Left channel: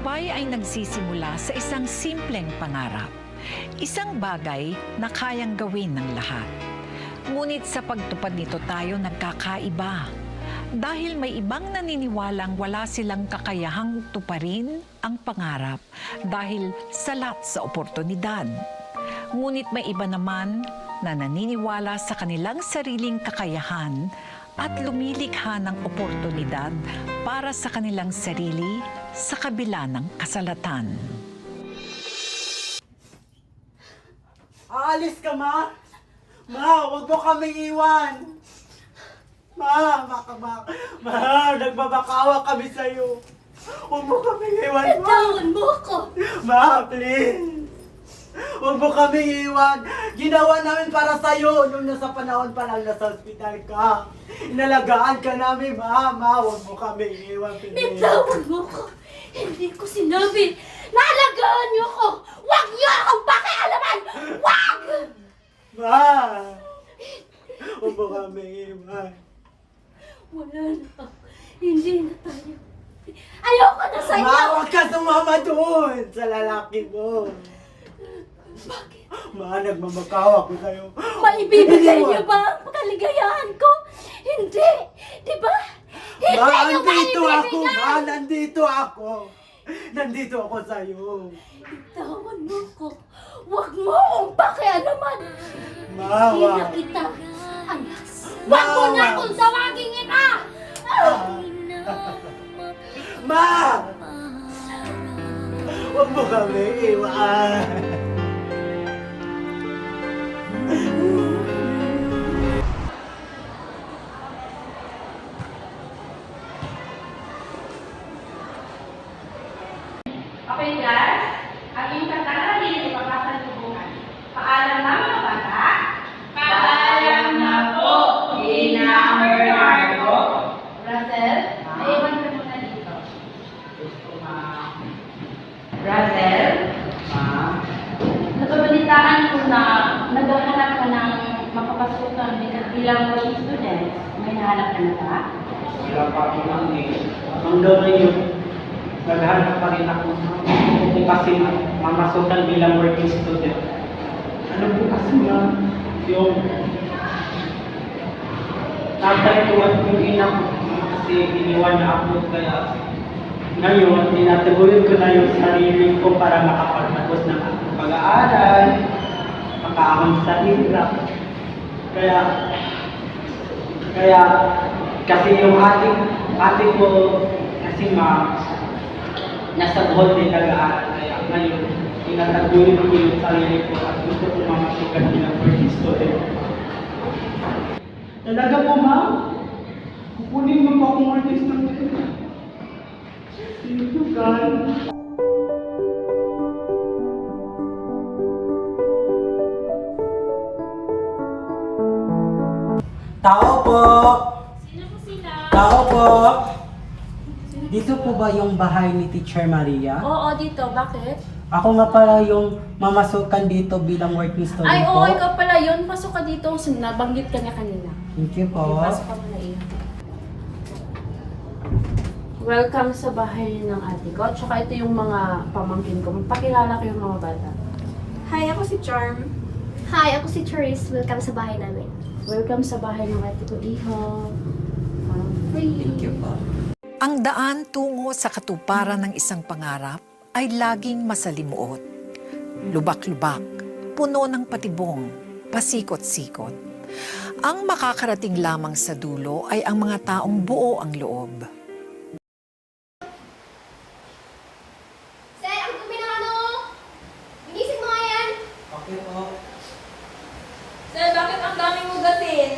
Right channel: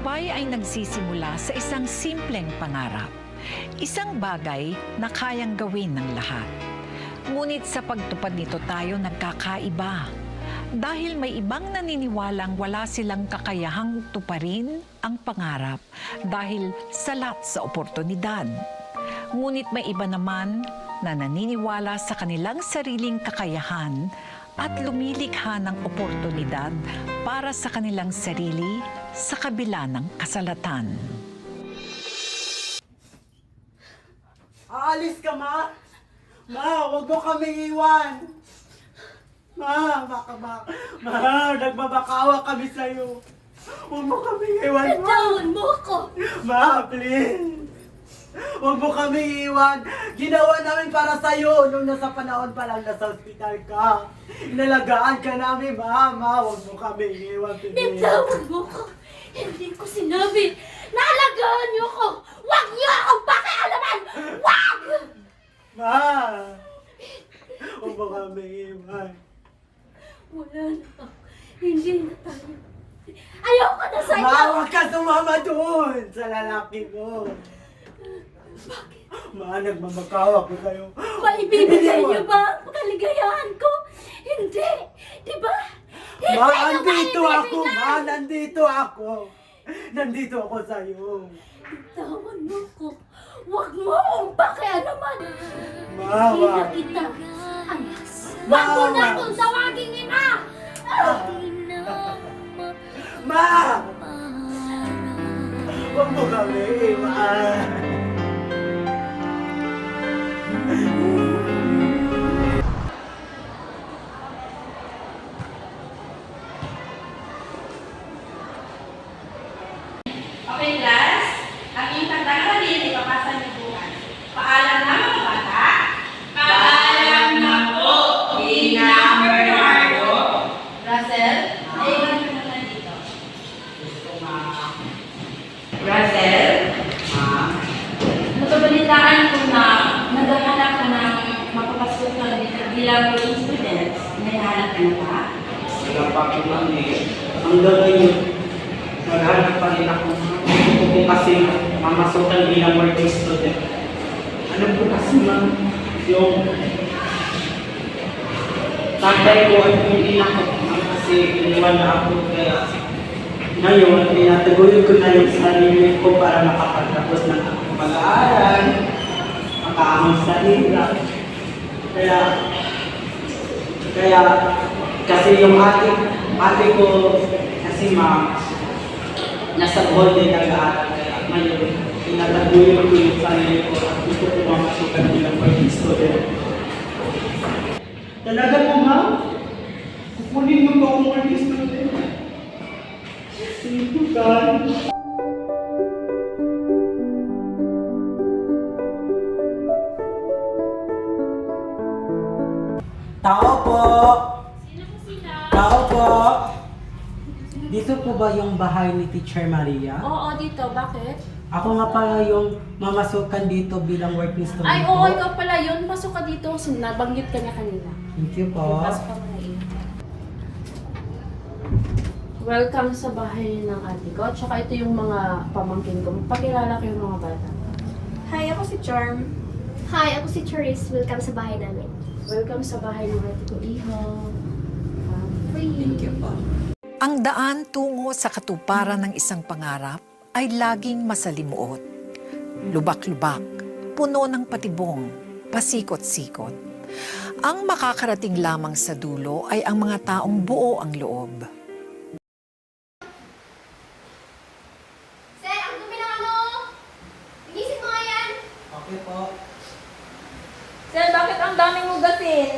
tagumpay ay nagsisimula sa isang simpleng pangarap. Isang bagay na kayang gawin ng lahat. Ngunit sa pagtupad nito tayo nagkakaiba. Dahil may ibang naniniwalang wala silang kakayahang tuparin ang pangarap dahil salat sa oportunidad. Ngunit may iba naman na naniniwala sa kanilang sariling kakayahan at lumilikha ng oportunidad para sa kanilang sarili sa kabila ng kasalatan. Aalis ka, Ma? Ma, huwag mo kaming iwan! Ma, nagbabakawa kami sa'yo. Huwag mo kaming iwan, Ma! Bitawan mo ako! Ma, please! Huwag mo kaming iwan! Ginawa namin para sa'yo nung nasa panahon pa lang nasa ospital ka. Inalagaan ka namin, Ma! Ma, huwag mo kaming iwan, please! Bitawan mo ako! Hindi ko sinabi na alagaan niyo ako! Huwag niyo akong pakialaman! Huwag! Ma! Huwag mo kaming iwan. Wala na. Hindi na tayo. Ayoko na sa'yo! Ma, huwag ka sumama doon sa lalaki mo. Bakit? Ma, nagmamakawa ko sa'yo. Maibibigay niyo ba ang kaligayahan ko? Hindi! Di ba? Hindi Ma, niyo nandito ako! maibibigay! Ma, nandito ako! Nandito ako sa'yo. Bitawan mo ako. Huwag mo akong pakialaman. Ma, Hindi na wag. kita anak. Huwag mo na Wag. akong tawagin ina! Ma! Huwag mo kami iwan. Okay, class. Ang inyong tatangalin, ipapasa niyo bukas. Paalam na mga bata. Paalam na po, Ina Bernardo. Russell, naiwan niyo muna dito. Russell, napabalitaan ko na naghahanap ka ng mapapasukan bilang working students. Naghahanap ka na ba? Wala pa ako lang eh. Ang gawin yun, naghanap pa rin ako kung kasi mamasukan bilang working student. Ano po kasi ma'am, yung tatay ko at yung ina ko kasi iniwan na ako kaya ngayon, tinatagulin ko na yung sarili ko para makapagtapos ng aking pag-aaral, makaahon sa hirap. Kaya kasi yung ate ko kasi ma'am, nasa Golden nag-aaral kaya ngayon, tinatagulin ko yung sarili ko at gusto ko mamasukan bilang working student. Talaga po ma'am? Kukunin mo po akong working student? Thank you, God. Tao po! Sino po sila? Tao po! Dito po ba yung bahay ni Teacher Maria? Oo, dito. Bakit? Ako nga pala yung mamasukan dito bilang working student Ay, po. oo, ikaw pala yun. Pasok ka dito. Nabanggit ka niya kanina. Thank you po. Okay, pasok ka muna eh. Welcome sa bahay ng ate ko. At saka ito yung mga pamangkin ko. Magpakilala ko yung mga bata. Hi, ako si Charm. Hi, ako si Therese. Welcome sa bahay namin. Welcome sa bahay ng ate ko, Iho. Free. Thank you po. Ang daan tungo sa katuparan ng isang pangarap ay laging masalimuot. Lubak-lubak, puno ng patibong, pasikot-sikot. Ang makakarating lamang sa dulo ay ang mga taong buo ang loob. Sir, ang dumi ng ano? Inisip mo nga yan. Okay po. Sir, bakit ang daming hugasin?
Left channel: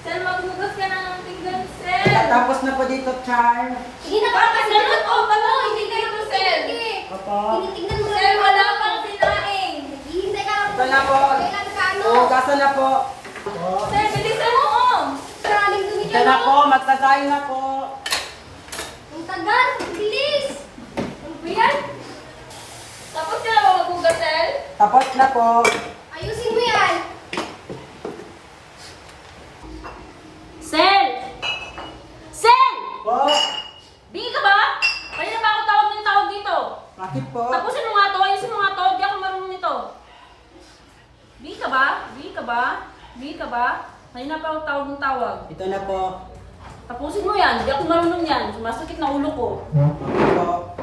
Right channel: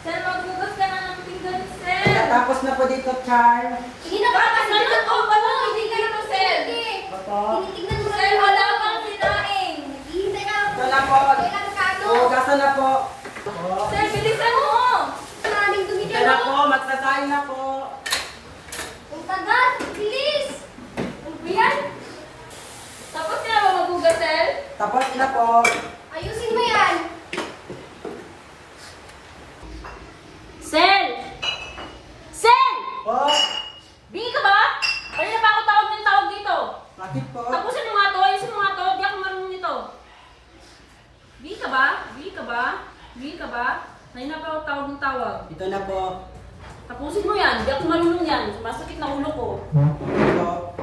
Sir, maghugas ka na ng pinggan, sir. Tapos na po dito, Char. Hindi na ba kasi Ganun ko pa lang, hindi ka na, sir. Opo. Tinitignan mo Sir, wala pang sinaing. Hihintay ka. Ito na po. Kailan ka ano? Hugasan na po. Sir, bilisan mo, oh. Maraming dumi Ito dyan, na oh. po, magsasayin na po. Ang tagal. Bilis. Ano ba yan? Tapos ka na ba maghugas, sir? Tapos na po. Ayusin mo yan. Sel! Sel! Po. Bingi ka ba? Kanina pa ako tawag ng tawag dito. Ayun na pa ako tawag ng tawag. Ito na po. Tapusin mo yan. Hindi ako marunong yan. Sumasakit na ulo ko. Ito po.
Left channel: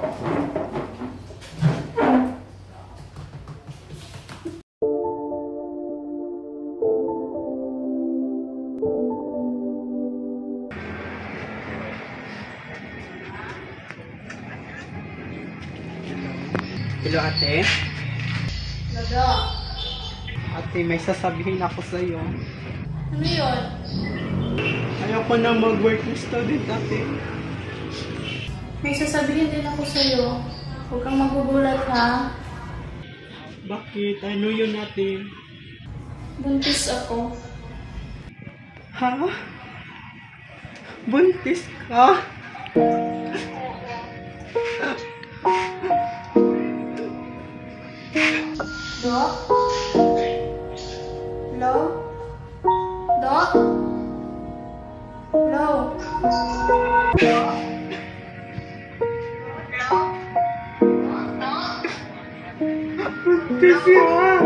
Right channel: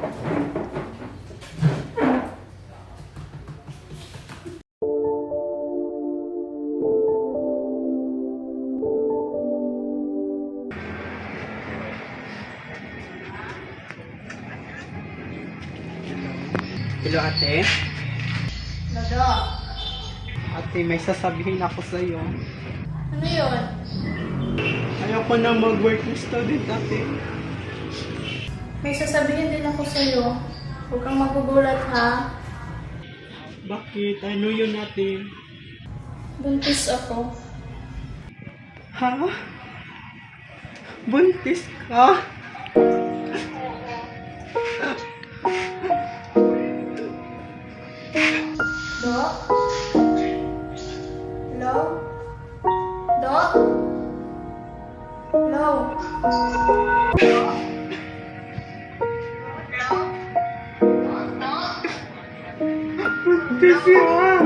Hello ate. Lado. Ate, may sasabihin ako sa iyo. Ano yun? Ayoko na mag-working student ate. May sasabihin din ako sa'yo. Huwag kang magugulat ha. Bakit? Ano yun ate? Buntis ako. Ha? Buntis ka? Dok? Hello? Dok? Hello? Buntis yan!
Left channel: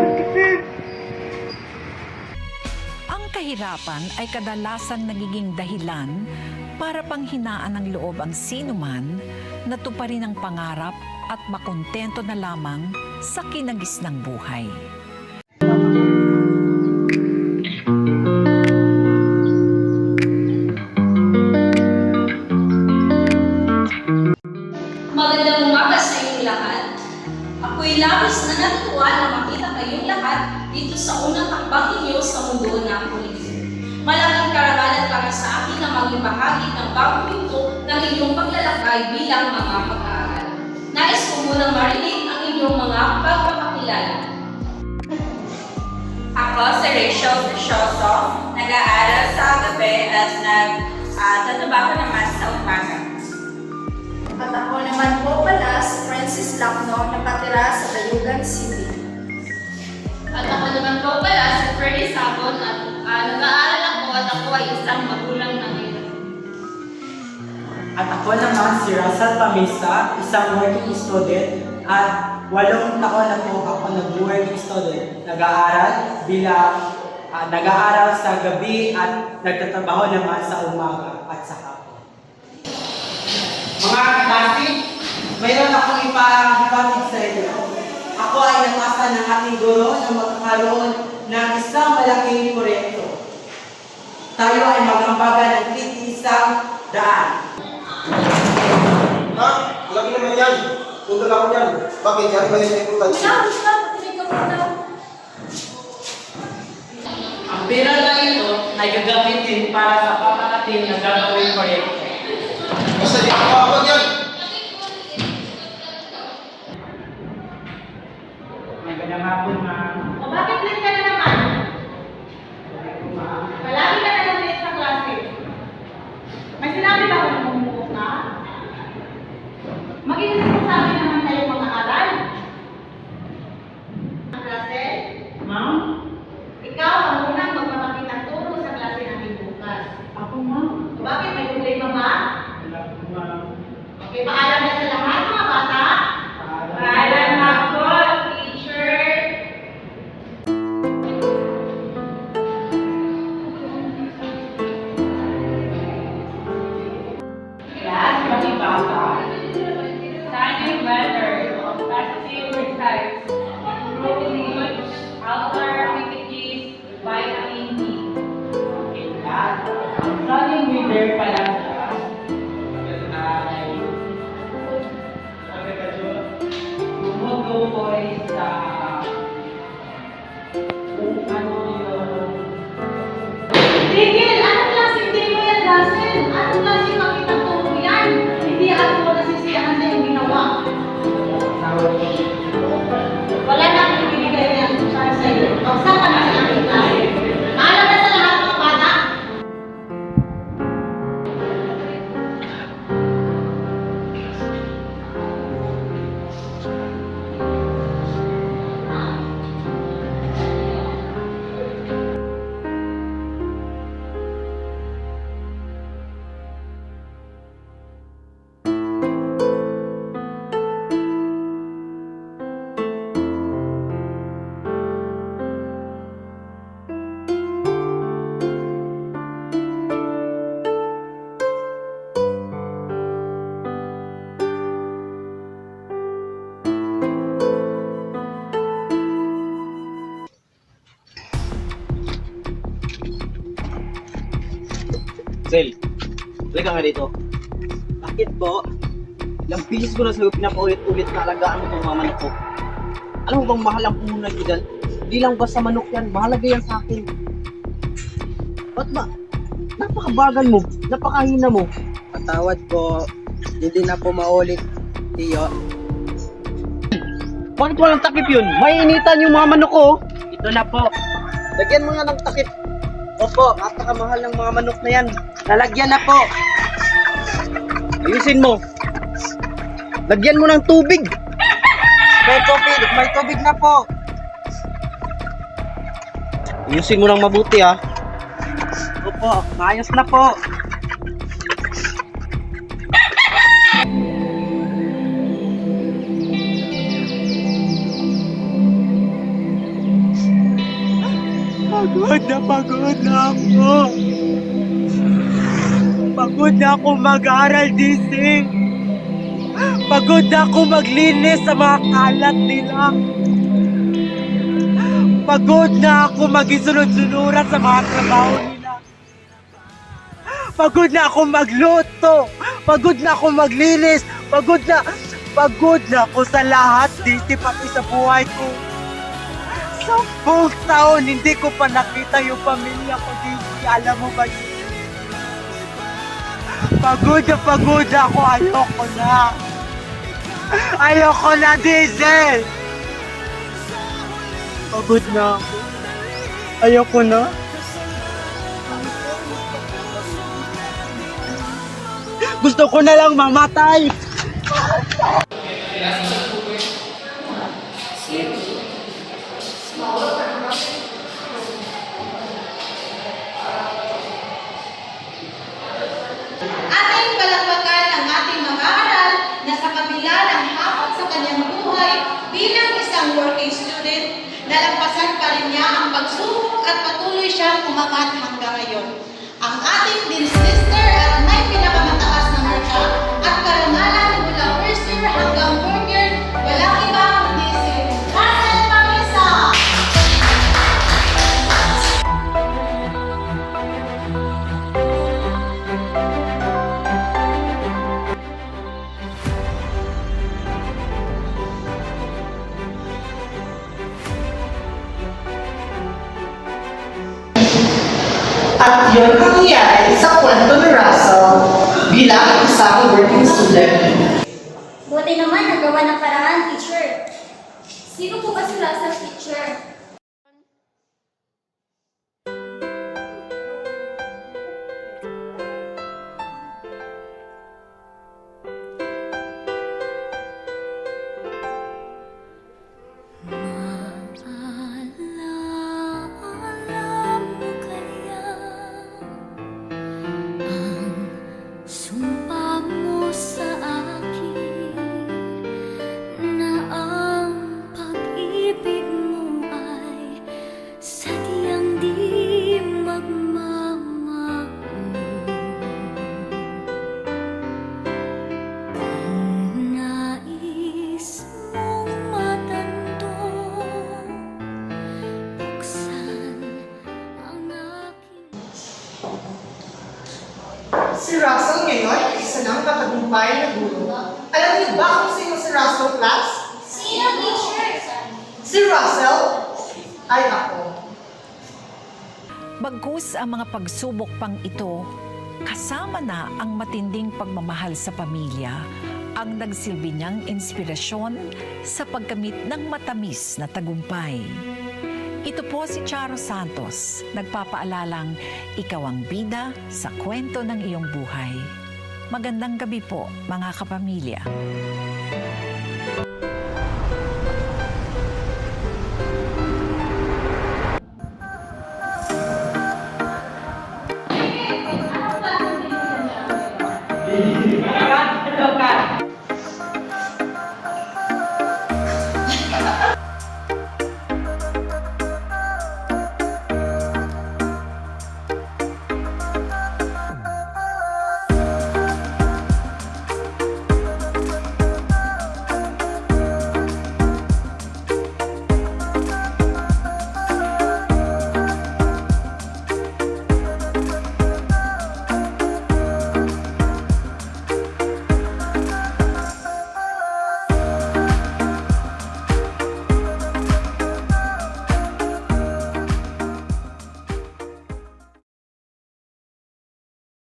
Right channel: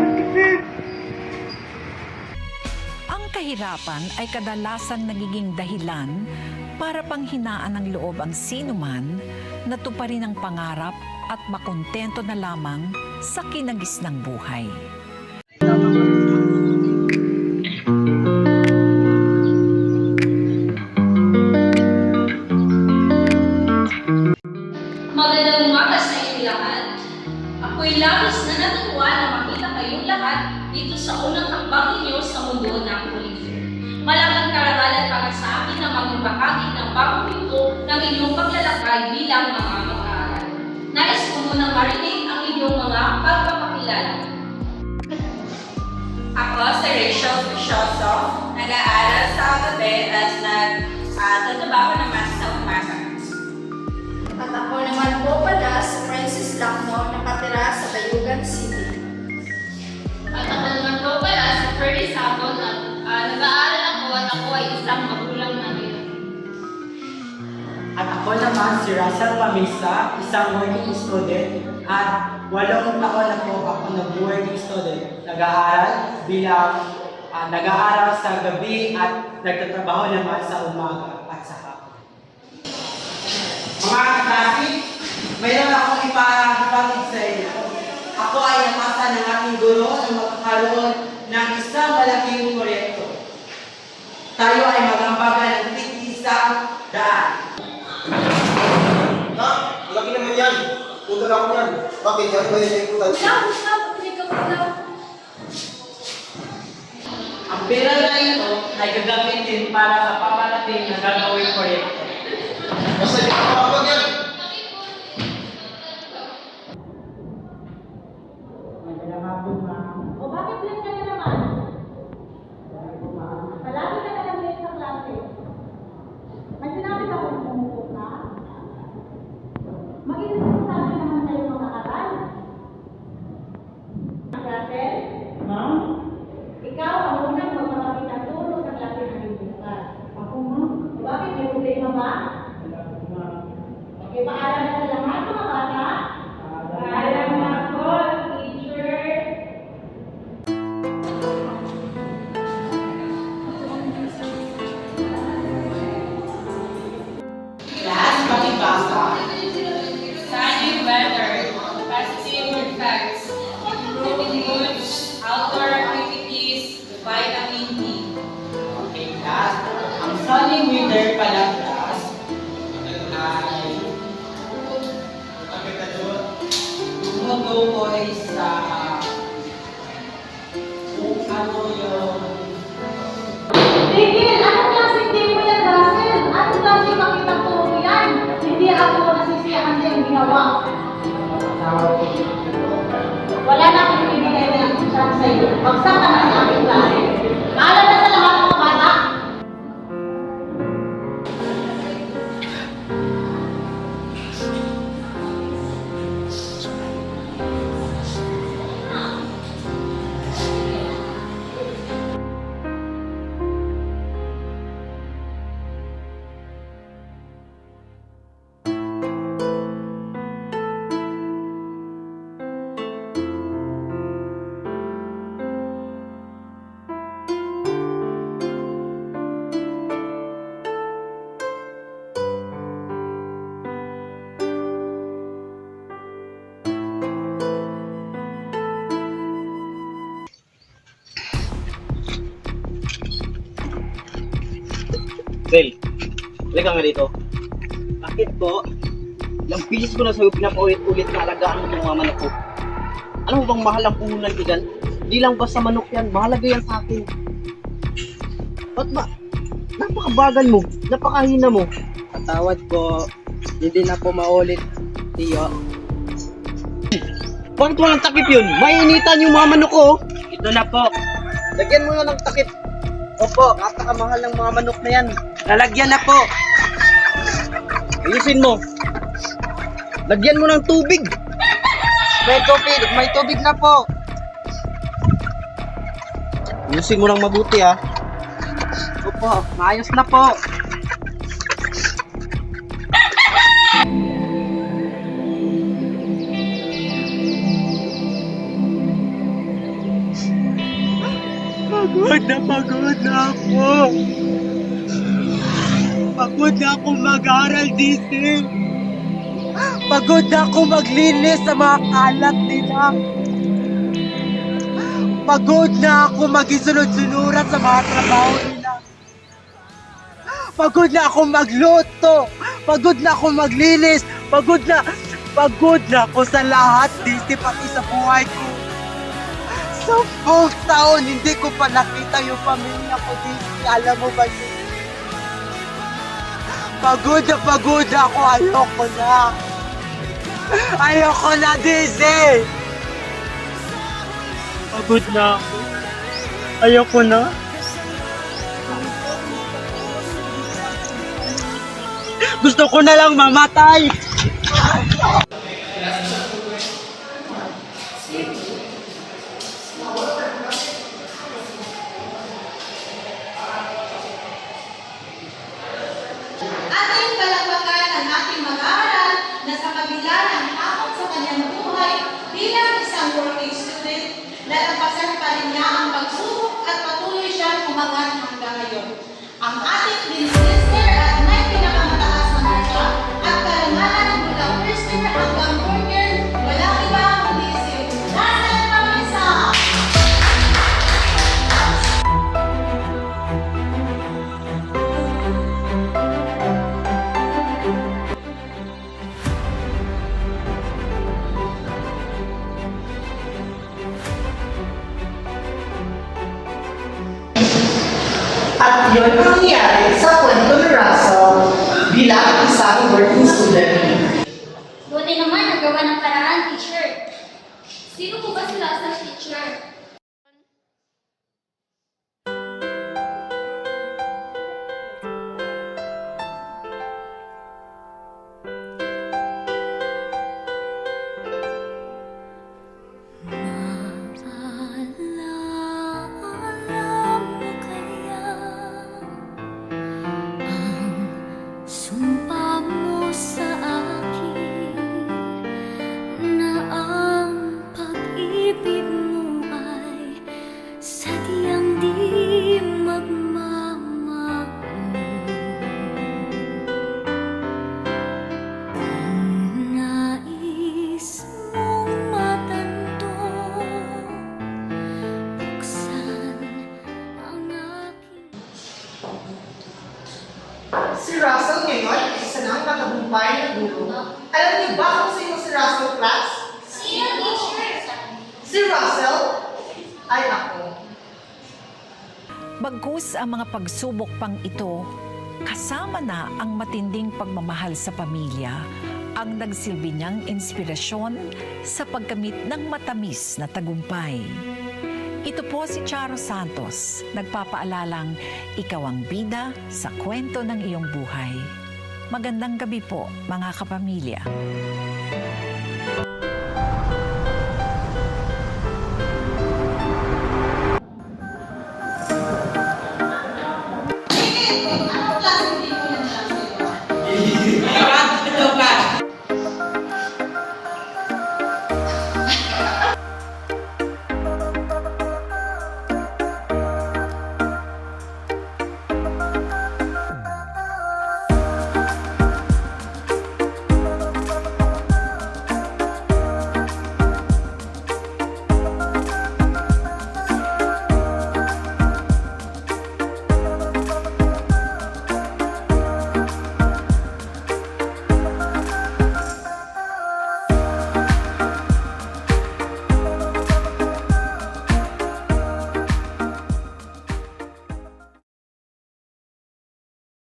Ang kahirapan ay kadalasang nagiging dahilan para panghinaan ng loob ang sinuman na tuparin ang pangarap at makontento na lamang sa kinagis ng buhay. Magandang umaga sa inyo lahat. Ako'y labis na natutuwa na makita kayong lahat dito sa unang hakbang ninyo sa mundo ng politik. Malaking karangalan para sa akin na maging bahagi ng bagong pinto ng inyong paglalakbay bilang mga mag-aaral. Nais ko munang marinig ang inyong mga pagpapakilala. Ako si Rachel Fisyoso, nag-aaral sa gabi at nagtatrabaho naman sa umaga. At ako naman po pala si Francis Lacno, nakatira sa Bayugan City. At ako naman po pala si Ferdy Sabon at nag-aaral ako at ako ay isang magulang na ngayon. At ako naman si Russell Pamisa, isang working student at 8 taon na po ako nag-working student. Nag-aaral sa gabi at nagtatrabaho naman sa umaga at sa hapon. Mga klase, mayroon akong ipahipatid sa inyo. Ako ay natasa ng ating guro na magkakaroon ng isang malaking proyekto. Tayo ay mag-ambagan ng tig-isang daan. Ha? Laki naman yan. Punta na ako yan. Bakit? Yan ba yan yung punta? Patinig ka muna. Ang pera na ito ay gagamitin para sa paparating na gagawing proyekto. Basta di ka pa yan. Magandang hapon, ma'am. O bakit late ka na naman? Palagi ka na lang late sa klase. May sinabi ba ako na bumukok na? Maging responsable naman tayo mag-aaral. Ang klase, Ma'am? ikaw ang unang magpapakitang turo sa klase natin bukas. Ako, ma'am. O bakit may problema ba? Wala po, ma'am. Okay, paalam na sa lahat mga bata. Paalam na po, teacher. Class, palibasa. Study better, positive facts, improving moods, outdoor activities, vitamin D. Okay, class. Ang solid reader palang class ay tumutukoy sa kung ano yung Tigil! Anong klaseng din mo yan, Russell? Anong klaseng makitang turo mo yan? Hindi ako nasisiyahan sa iyong ginawa. Wala na akong ibigay niya sa iyo. Bagsak ka na sa aking klase. Paalam na sa lahat mga bata. Hazel, halika nga dito. Bakit po? Ilang bilis ko na sa'yo pinapaulit-ulit na alagaan mo itong mga manok ko. Alam mo bang mahal ang puhunan ko dyan? Di lang basta manok yan, mahalaga yan sa akin. Ba't ba? Napakabagal mo, napakahina mo. Patawad po. Hindi na po maulit, Tiyo. Bakit walang takip yun? Mainitan yung mga manok ko. Ito na po. Lagyan mo nga ng takip. Opo, napakamahal ng mga manok na yan. Lalagyan na po. Ayusin mo. Lagyan mo ng tubig. May tubig na po. Ayusin mo lang mabuti ha. Opo, maayos na po. Pagod na ako. Pagod na ako mag-aral, DC. Pagod na ako maglinis sa mga kalat nila. Pagod na ako magisunod-sunuran sa mga trabaho nila. Pagod na ako magluto. Pagod na ako maglinis. Pagod na ako sa lahat, DC, pati sa buhay ko. 10 taon, hindi ko pa nakita yung pamilya ko, DC. Alam mo ba yun? Pagod na ako. Ayoko na. Ayoko na, DC. Pagod na ako. Ayoko na. Gusto ko na lang mamatay. Ating palakpakan ang ating mag-aaral na sa kabila ng takot sa kanyang buhay bilang isang working student, nalampasan pa rin niya ang pagsubok at patuloy siyang umangat hanggang ngayon. Ang ating dean sister at may pinakamataas na marka at karangalan mula first year hanggang fourth year, walang iba kundi si Russell Marisa. At yun ang nangyari sa kwento ni Russell bilang isang working student. Buti naman nagawa ng paraan, teacher. Sino po ba si Russell, teacher? Alam mo kaya ang sumpa mo sa akin na ang pag-ibig mo ay sadyang di magmamahal? Kung nais mong matando, buksan ang aking Si Russell ngayon, isa ng matagumpay na guro. Alam niyo ba kung sino si Russell, class? Sino, teacher? Si Russell ay ako. Bagkus ang mga pagsubok pang ito, kasama na ang matinding pagmamahal sa pamilya, ang nagsilbi niyang inspirasyon sa pagkamit ng matamis na tagumpay. Ito po si Charo Santos, nagpapaalalang ikaw ang bida sa kwento ng iyong buhay. Magandang gabi po, mga kapamilya.